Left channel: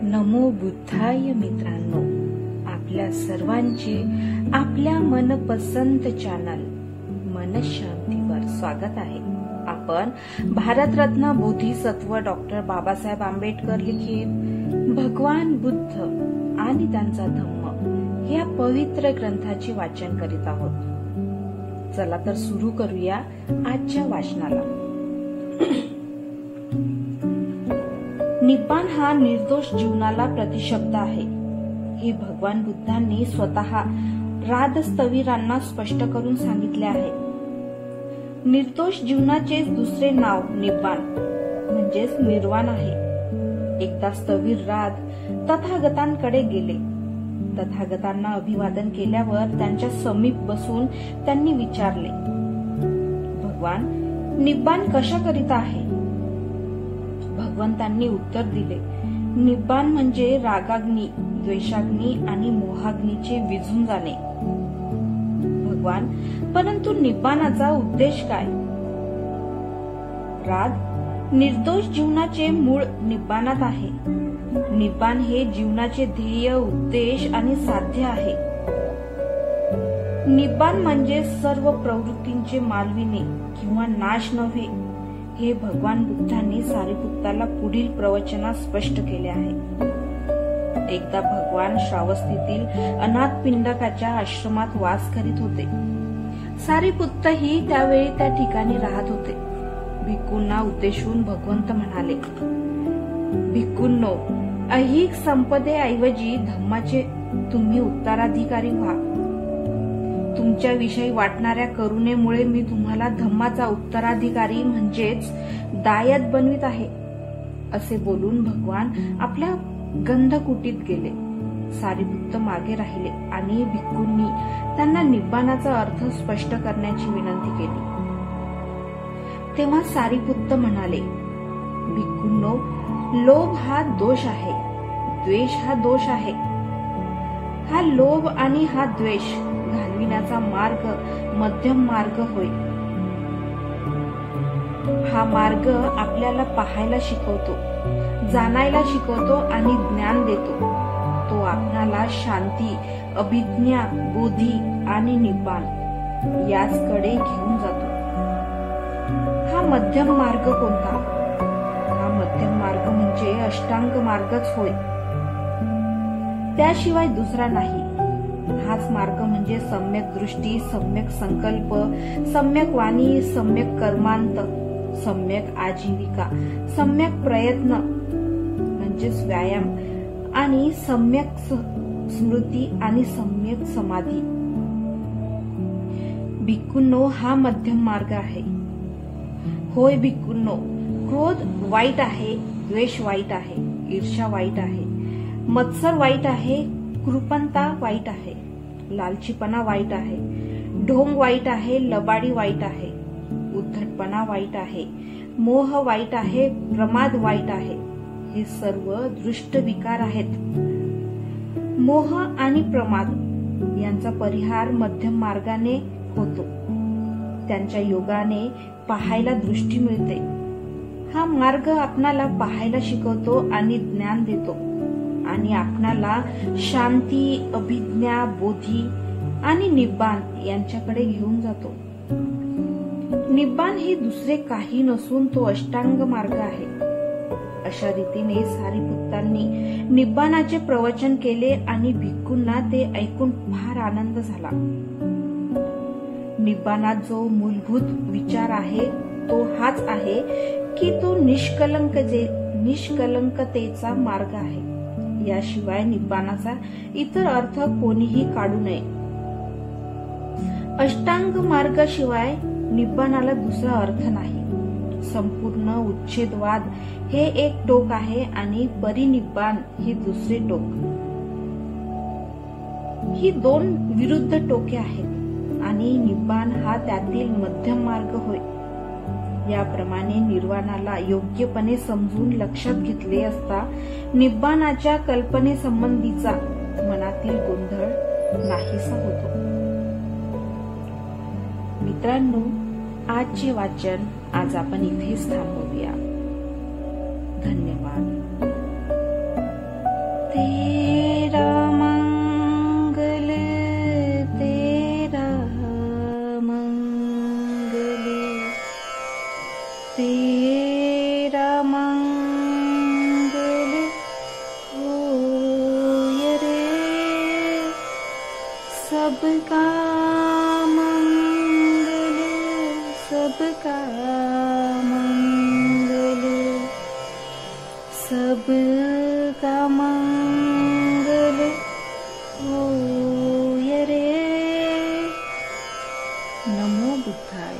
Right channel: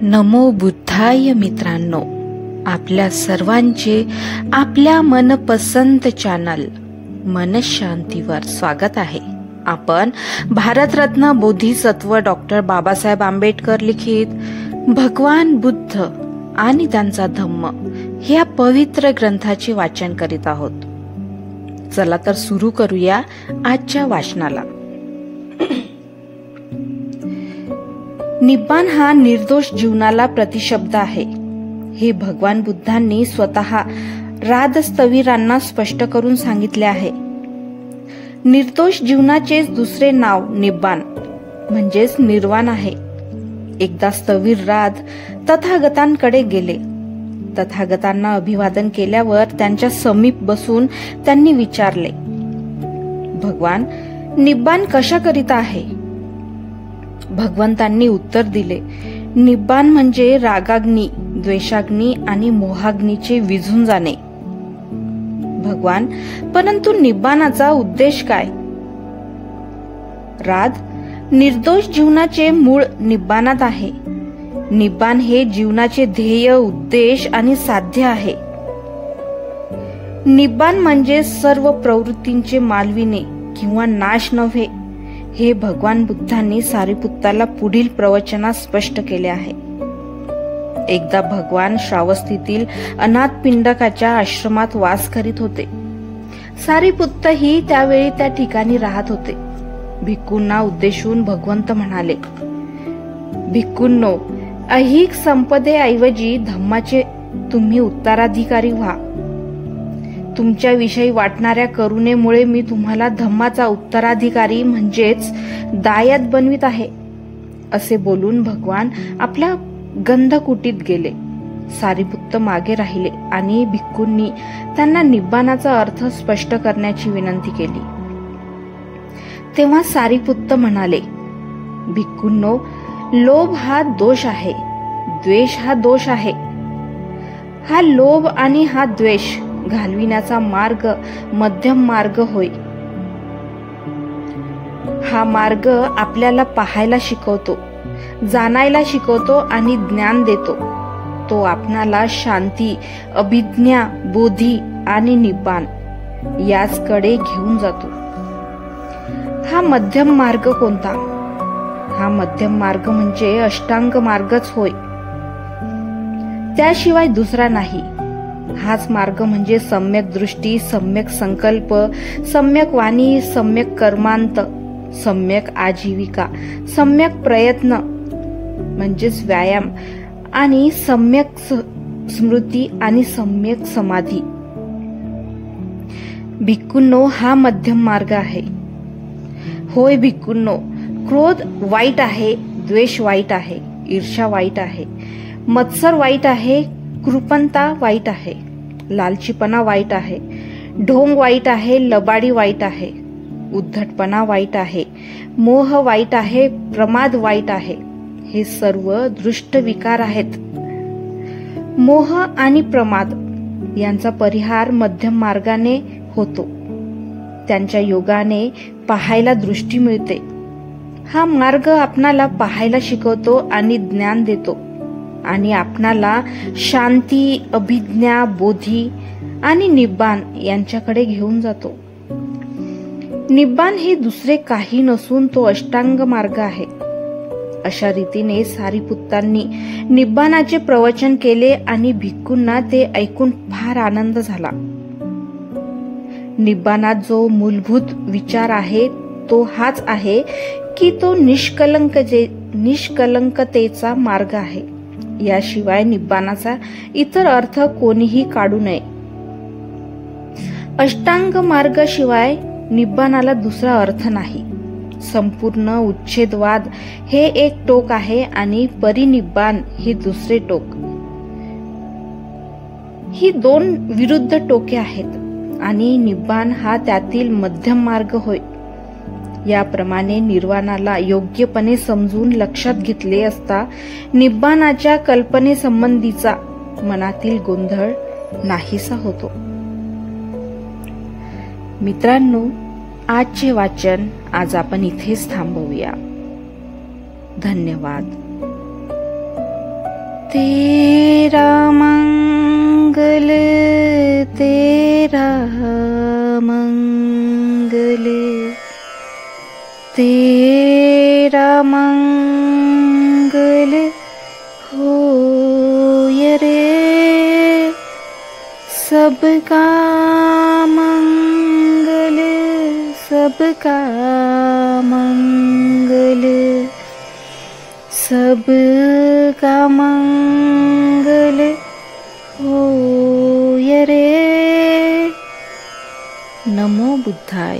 नमो बुद्धाय मित्रांनो, आपल्या सर्वांचे आपल्या मनपसंत चॅनल मनशांतीवर स्वागत आहे. आपण भारतरत्न बोधिसत्व डॉक्टर बाबासाहेब आंबेडकर लिखित भगवान बुद्ध आणि त्यांचा धम्म या पवित्र ग्रंथाचे वाचन करीत आहोत. चला तर सुरू करूया आजच्या वाचनाला. निब्बाण हा निर्दोष जीवनाला प्रतिशब्द आहे. हे भगवान बुद्धांनी स्वतः राजस्थविरांना स्पष्ट करून सांगितले आहे. निर्दोष जीवनाचे दुसरे नाव निब्बाण म्हणजेच निर्वाण आहे. एकदा स्थविर राज तथागतांकडे गेले. तथागतांना अभिवादन केल्यावर त्यांच्या समीप बसून त्यांनी विचारले, भगवान, निब्बाण कशाकरिता आहे? भगवंतांनी उत्तर दिले, निब्बाण म्हणजे रागाग्नी, द्वेषाग्नी आणि मोहाग्नीचे विझून जाणे. भगवान, परंतु निब्बाणाचा उद्देश काय? राज, निर्दोष जीवनाचे मूळ निब्बाणात आहे. निब्बाण हे जीवनाचे ध्येय, उद्देश आणि साध्य आहे. निब्बाण म्हणजे सर्व प्रवृत्तींचे मालविणे किंवा नाश नव्हे. हे भगवान बुद्धांनी सारिपुत्ताला पुढील प्रवचनात स्पष्ट केले आहे. एकदा भगवान श्रावस्तीतील अनाथ पिंडकाच्या आश्रमात वास करीत होते. सारिपुत्त ही त्यावेळी त्या ठिकाणी राहत होते. भिक्खूंना उद्देशून भगवंत म्हणाले, भिक्खूंनो, ऐहिक संपदेऐवजी धम्माचे तुम्ही उत्तराधिकारी व्हा. तुमच्याविषयी वाटणाऱ्या करुणेमुळे मी तुम्हाला धम्माचा उत्तराधिकारी म्हणजेच दायत बनवित आहे. असे बोलून भगवान आपल्या गंधकुटीत गेले. सारिपुत्त मागे राहिले आणि भिक्खूंनी त्यांना निब्बाणाचा अर्थ स्पष्ट करण्याची विनंती केली. तेव्हा सारिपुत्त म्हणाले, भिक्खूंनो, लोभ हा दोष आहे, द्वेष हा दोष आहे. हा लोभ आणि हा द्वेष घालविण्याचा मार्ग मध्यम मार्ग होय. हा मार्ग आपल्याला पाहायला शिकवतो, जाणायला शिकवतो आणि ज्ञान देतो. तो आपणाला शांती, अभिज्ञा, बोधी आणि निब्बाण याचकडे घेऊन जातो. हा मध्यम मार्ग कोणता? हा मध्यम मार्ग म्हणजे अष्टांग मार्गच होय, त्याशिवाय दुसरा नाही. हाच मार्ग म्हणजे सम्यक दृष्टी, सम्यक संकल्प, सम्यक वाणी, सम्यक कर्मांत, सम्यक आजीविका, सम्यक प्रयत्न म्हणजेच व्यायाम आणि सम्यक स्मृती आणि सम्यक समाधी. भिक्खूंनो, हा मध्यम मार्ग आहे. होय भिक्खूंनो, क्रोध वाईट आहे, द्वेष वाईट आहे, ईर्ष्या वाईट आहे, मत्सर वाईट आहे, कृपणता वाईट आहे, लालचीपणा वाईट आहे, ढोंग वाईट आहे, लबाडी वाईट आहे, उद्धटपणा वाईट आहे, मोह वाईट आहे, प्रमाद वाईट आहे. हे सर्व दृष्ट विकार आहेत. मोह आणि प्रमाद यांचा परिहार मध्यम मार्गाने होतो. त्यांच्या योगाने पाहायला दृष्टी मिळते. हा मार्ग आपणाला पाहायला शिकवतो आणि ज्ञान देतो आणि आपणाला शांती, अभिज्ञा, बोधी आणि निब्बाण यांच्याकडे घेऊन जातो. निब्बाण हे दुसरे काही नसून तो अष्टांग मार्ग आहे. अशा रीतीने सारिपुत्तांनी निब्बाणाचे प्रवचन केले आणि भिक्खूंना ते ऐकून फार आनंद झाला. निब्बाणात जो मूलभूत विचार आहे तो हाच आहे की तो निष्कलंकतेचा मार्ग आहे. याशिवाय निब्बाणाचा इतर अर्थ कोणीही काढू नये. अष्टांग मार्ग शिवाय निब्बाणाला दुसरा अर्थ नाही. संपूर्ण उच्छेदवाद हे एक टोक आहे आणि परिनिब्बाण हे दुसरे टोक. ही दोन विरुद्ध टोके आहेत आणि निब्बाण हा त्यातील मध्यम मार्ग होय. याप्रमाणे निर्वाणाला योग्यपणे समजून लक्षात घेतले असता निब्बाणाच्या कल्पनेसंबंधीचा मनातील गोंधळ नाहीसा होतो. मित्रांनो, आजचे वाचन आज आपण इथेच थांबवूया. धन्यवाद. तेरा मंगल, तेरा मंगल, तेरा मंगल होय रे। सबका मंगल, सबका मंगल, सबका मंगल होय रे। नमो बुद्धाय।